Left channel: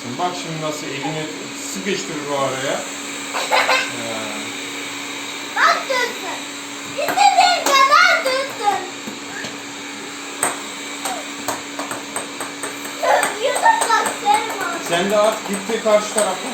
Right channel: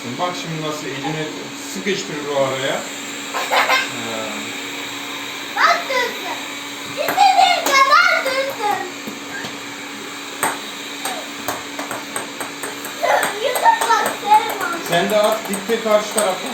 atamazsın. Bak şimdi nasıl elini sıkıştır bu araya. Bak tuttum. İstediğin kadar tuttum. Yutun bak derim. Sen de at gitti karşı tarafa.